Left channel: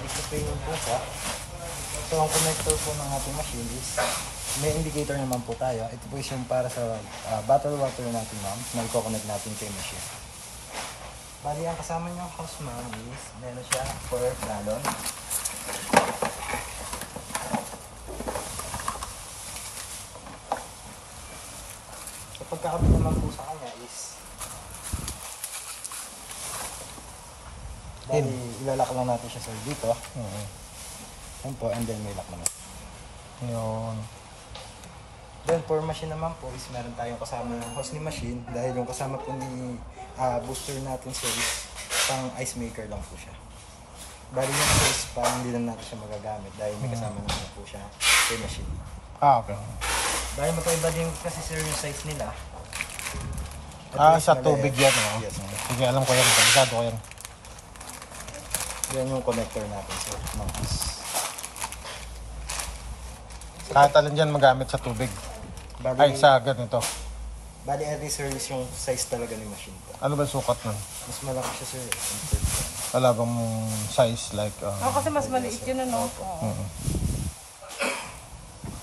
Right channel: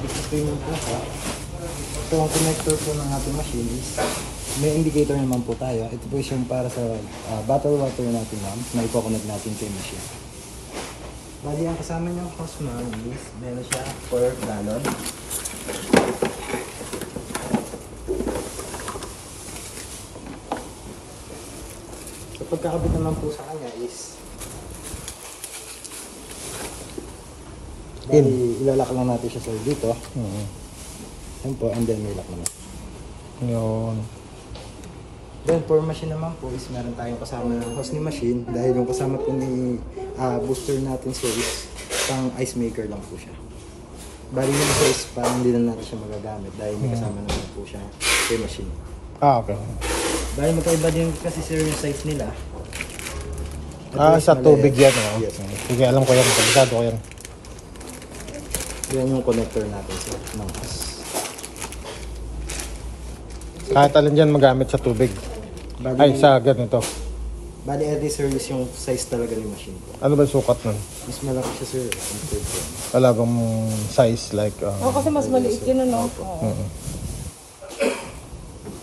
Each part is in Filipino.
Ito yung pinaka. So, ang connector po ng ating machine is may indicator naman po tayo. Ito po yung para sa bottle water natin, ma'am, na i-connect natin sa machine. Bali, ang kasama nyo hose, ma'am, is meron siya per gallon. So, pagkakabit naman po sa kanya is bali, ilalak lang natin siya, sir, dito. Yan po, and then may lock naman. Yun. Then for machine naman po is meron tayong kasama ng hose ni machine dahil yung kasama po ni booster natin, sir, is pang ice maker lang po siya. Bali yung size parang hindi na natin siya magagamit dahil may kasama naman po siya sa machine. Okay. Dahil magkaiba din kasi, sir, yung size nila. Sa tubig yan. Yes. Sige, alam ko yan. Kabisado ko yan. Yan yung connector natin, sir. Kahit alin dyan magamit sa tubig. Bali, Ay, sa ganito. Bali, every service yung size talaga ng machine ko. Ano ba sukat nun? Mas malaki siya, sir. Wala bang size like... kasi mas maliit yun, ano?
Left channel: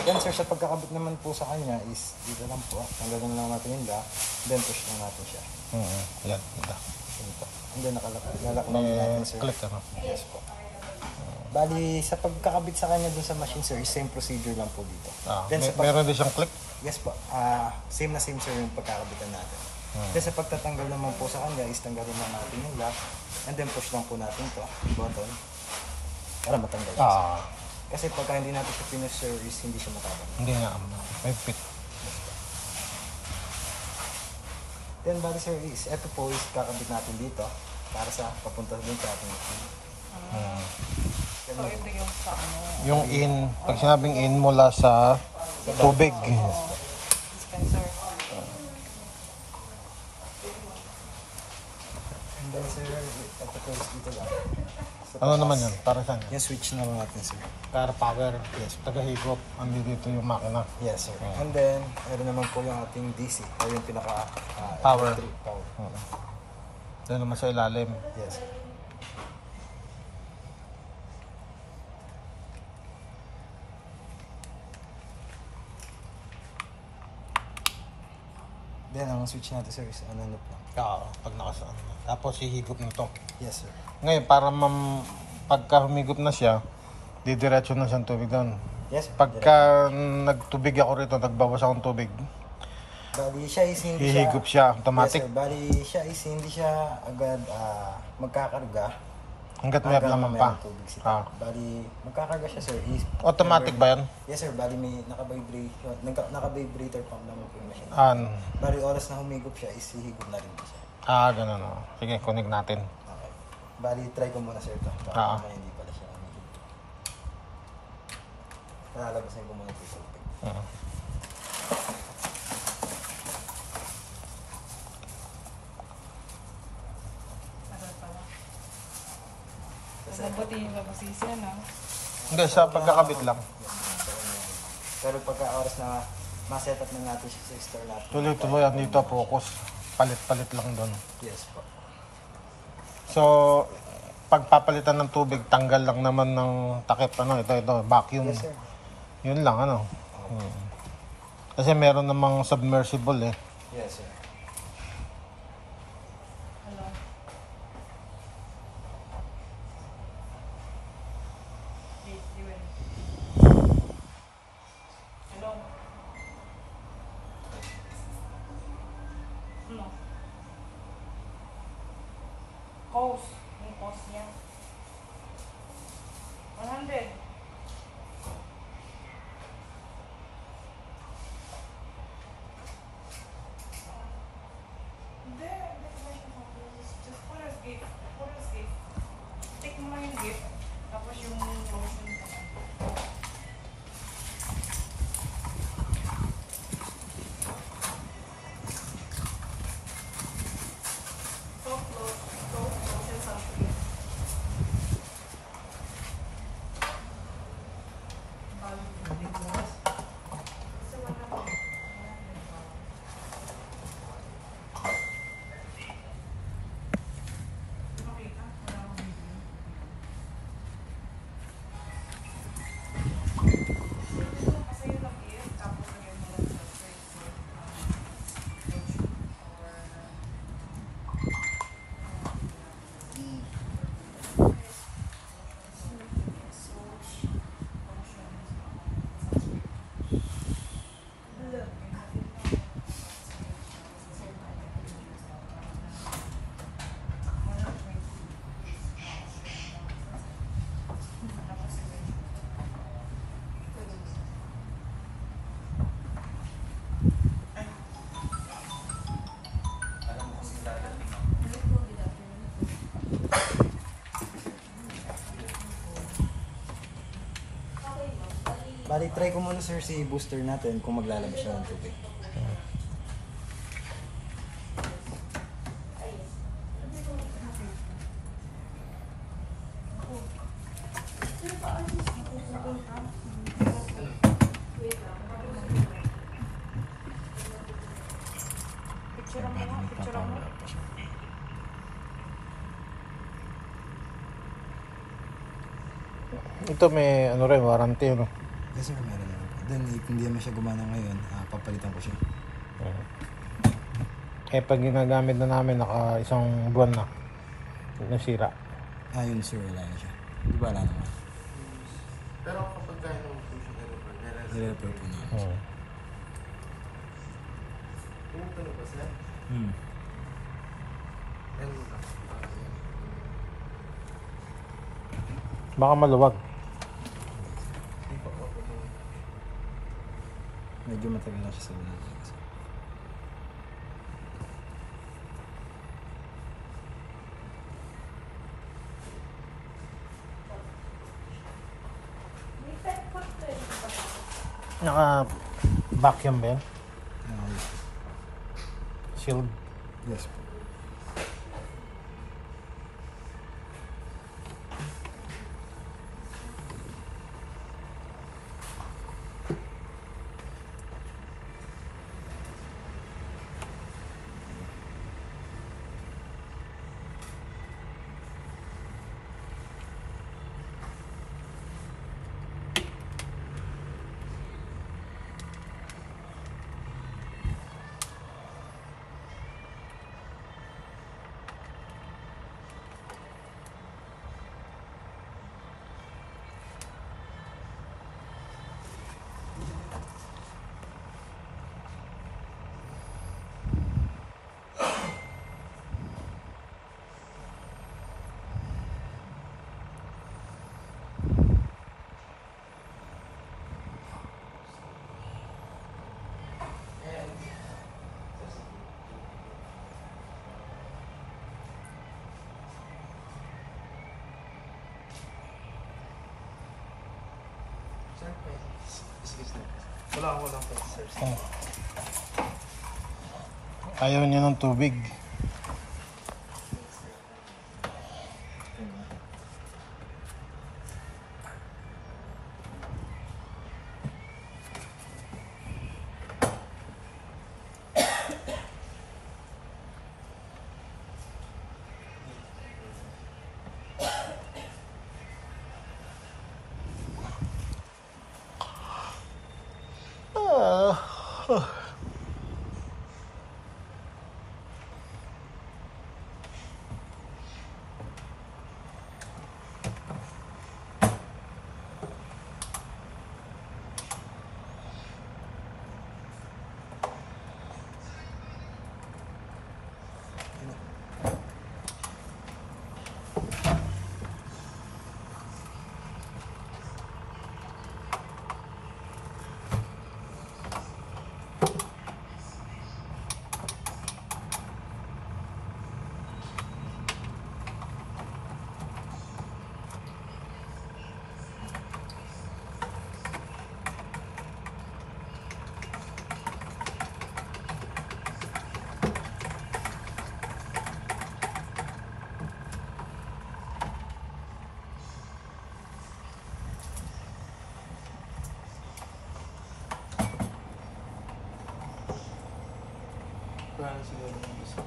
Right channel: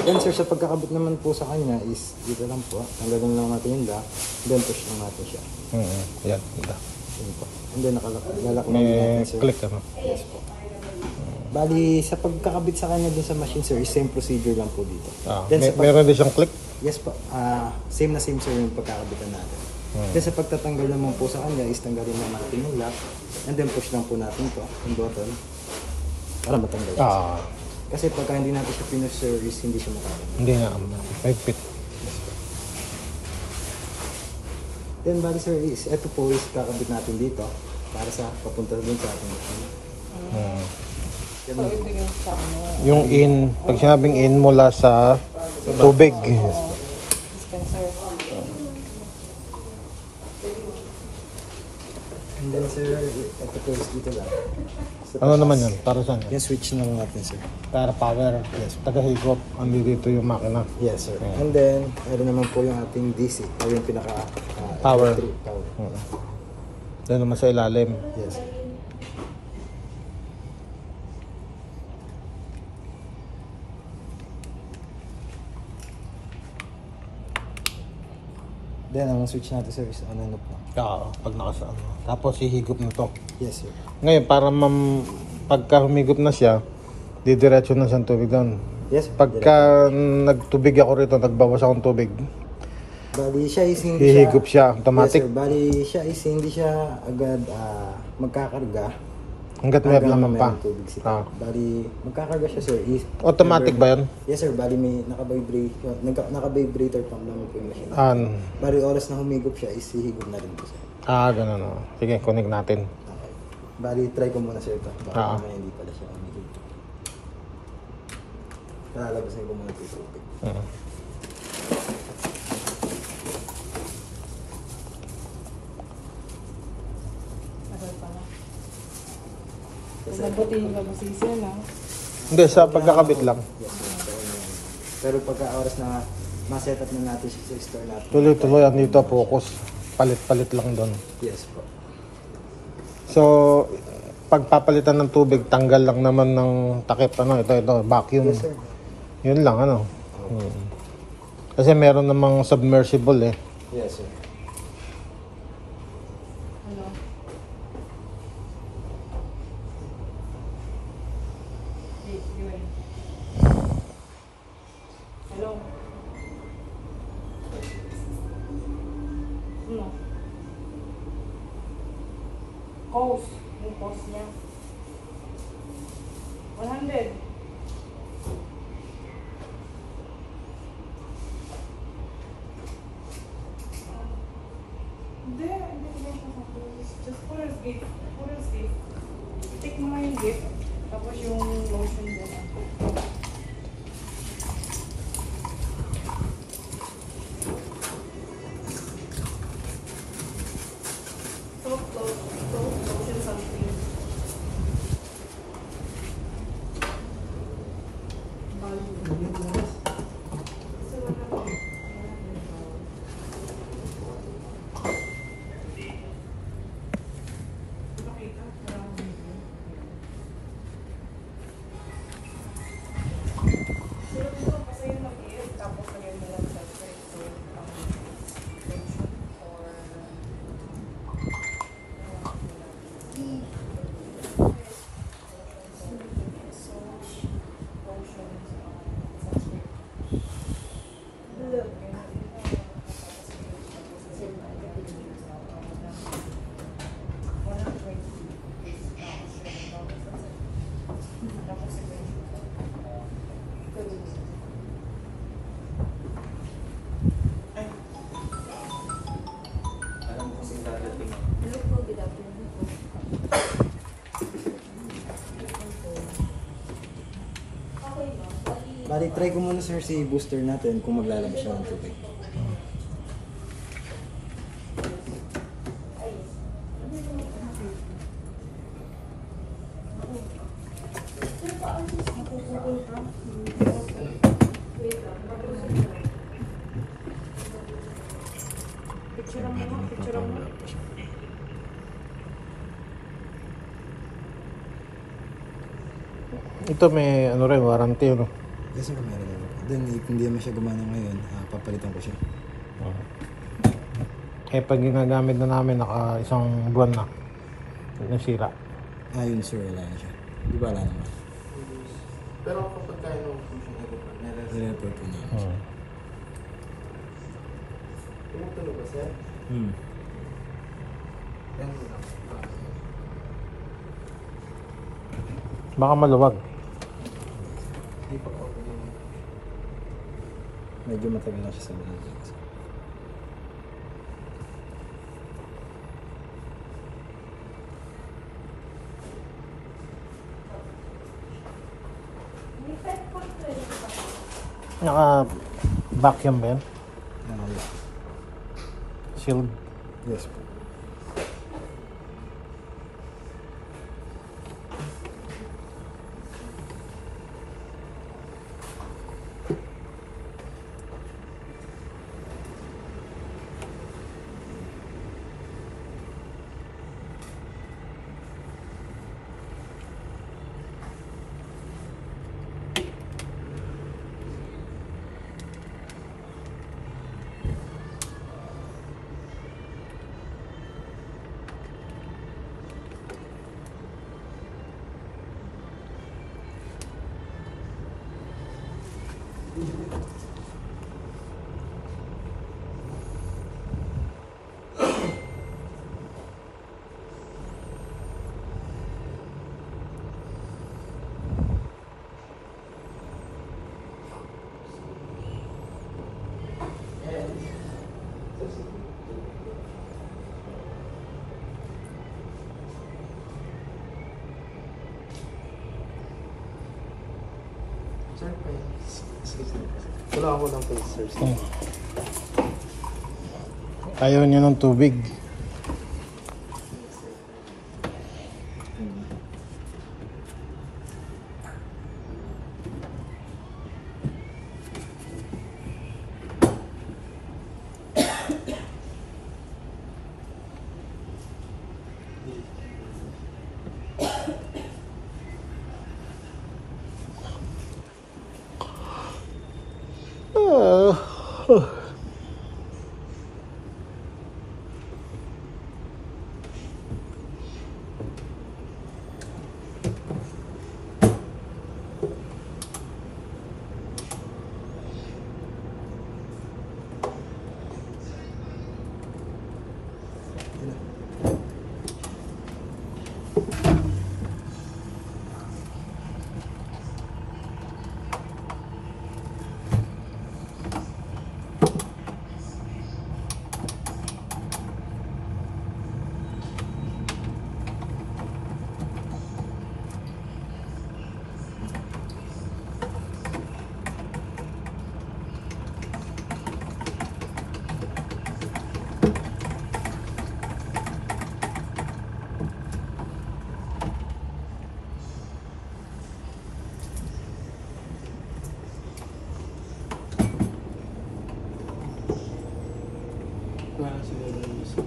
Then, sir, sa pagkakabit naman po sa kanya is dito lang po. Tanggalin lang natin yung lock. Then, push lang natin siya. Yan. And then, lalak lang May natin, sir. click ano? Yes po. Bali, sa pagkakabit sa kanya dun sa machine, sir, is same procedure lang po dito. Then, Meron din siyang click? Yes po. Same na same, sir, yung pagkakabitan natin. Then, sa pagtatanggal naman po sa kanya is tanggalin lang natin yung lock. And then, push lang po natin ito, yung button, para matanggal siya. Kasi pagka hindi natin siya finish, sir, is hindi siya matanggal. Hindi na. 5 feet. Then, bali, sir, is ito po is kakabit natin dito para sa papunta dun sa ating machine. So, ito yung sa ano. Yung in, pag sinabing in mula sa tubig. Dispenser. And then, sir, ito po is dito lang. Ano naman yun? Para saan? Yung switch na lang natin, sir. Para power. Yes. Tagahigop. Andi dito yung makina. Yes, sir. And then, meron naman po yung ating DC, o yung pinaka Power. power. Doon naman sa ilalim. Yes, sir. Then, ang switch natin, sir, is ano po. Pag nakasaan. Tapos hihigop mo to. Yes, sir. Ngayon, para pagka humigop na siya, didiretso na siyang tubig doon. Yes, sir. Pagka nagtubig ako rito, nagbawas akong tubig, Bali, siya is hindi hihigop siya automatic. Yes, sir. Bali, siya is hindi siya agad magkakarga. Hanggat may laman pa. Tubig siya. Bali, magkakarga siya, sir. Automatic ba yan? Yes, sir. Bali, may naka-vibrator pang naman po yung machine. Bali, oras na humigop siya, is hihigop na rin po, sir. Ganun o. Sige, connect natin. Okay. Bali, try ko muna, sir, ito. Baka mamaya hindi pala siya humigop. Lalagasin ko muna ito yung tubig. Mabuti yung labasisi yan, ha? Hindi, sa pagkakabit lang. Yes, pero pagka oras na ma-set up na natin siya sa store natin. Tuloy-tuloy yan dito, focus. Palit-palit lang doon. Yes po. So, pagpapalitan ng tubig, tanggal lang naman ng takip. Ito, vacuum. Yes, sir. Yun lang, Kasi meron namang submersible eh. Yes, sir. Cost. Yung cost niya. 100. Hindi. Just Fuller's gift. Fuller's gift. Take mo na yung gift. Tapos yung lotion doon. Bali, try ko muna sir si booster natin kung maglalabas siya ng tubig. Picture mo, picture mo. Ito may ano rin, warranty yun. Yes sir, meron yan. Then, if hindi naman siya gumana ngayon, papalitan ko siya. Eh pag ginagamit na namin, naka isang buwan na. Nasira. Yun sir, wala na siya. Di ba wala naman? Pero kapag kaya nung I-repair po namin siya. Hmm. baka maluwag. Medyo matagal na siya sa loob. Naka vacuum ba yan? Yeah. Sealed. Yes po. Wala ako ng face, sir. Ayaw niya ng tubig. Wala na siguro yung gusto.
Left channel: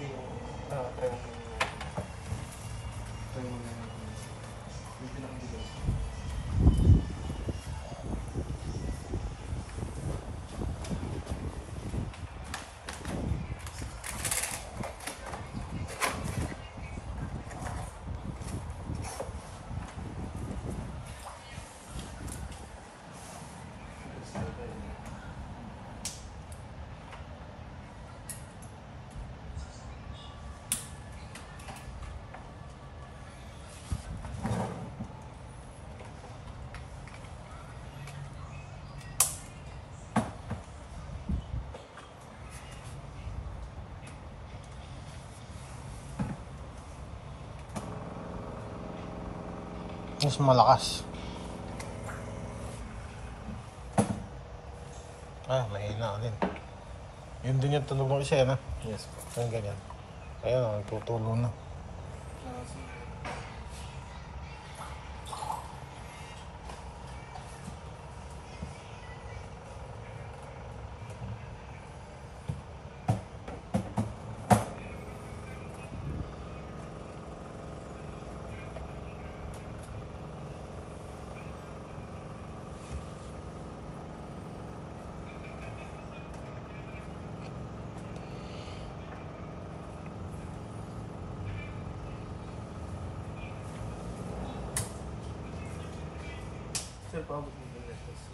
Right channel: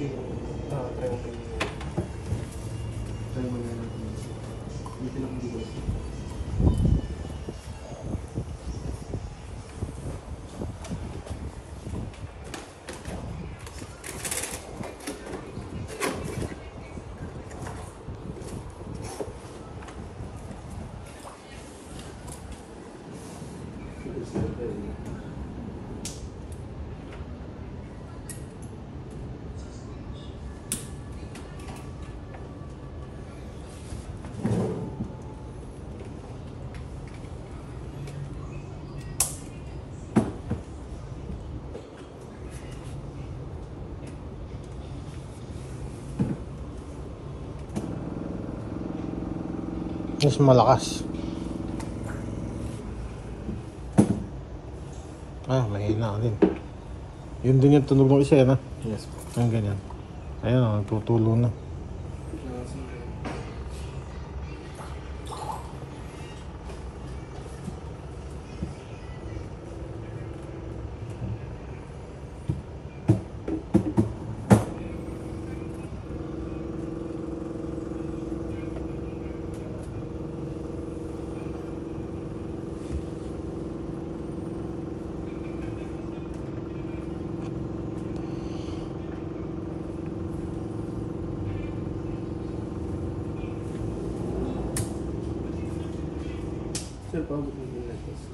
Try ko. Try mo na natin. Yung pinakagigil. Mas malakas. Mahina din. Yun din yung tunog ng isa yan, ha? Yes po. Ang ganyan. Ayun, tutulo na. Sir, pabot mo yung lettuce.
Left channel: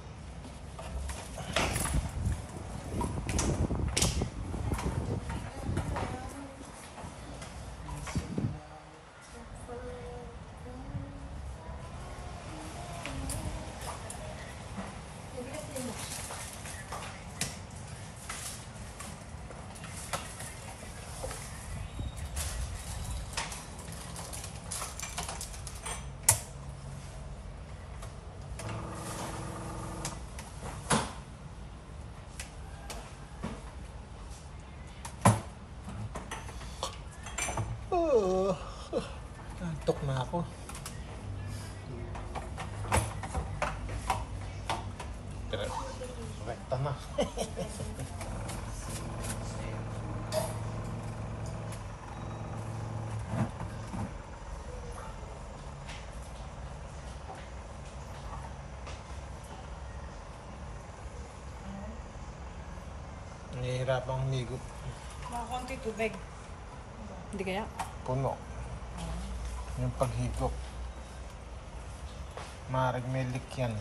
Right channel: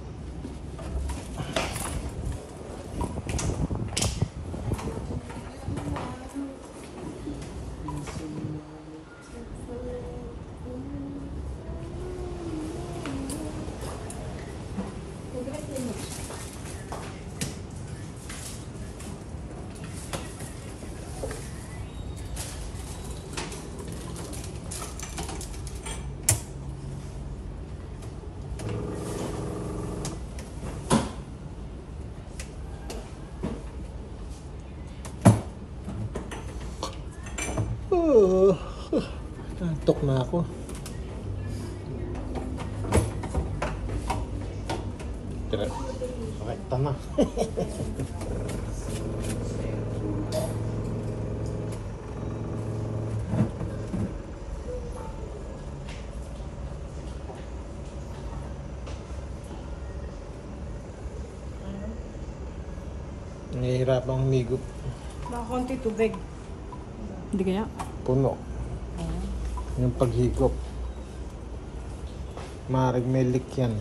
Antok na ako. Sakit na. Nahihirapang humigot. Nakakonti tubig. Hindi kaya? Puno. Yung paghigop. Maaaring may leak yan.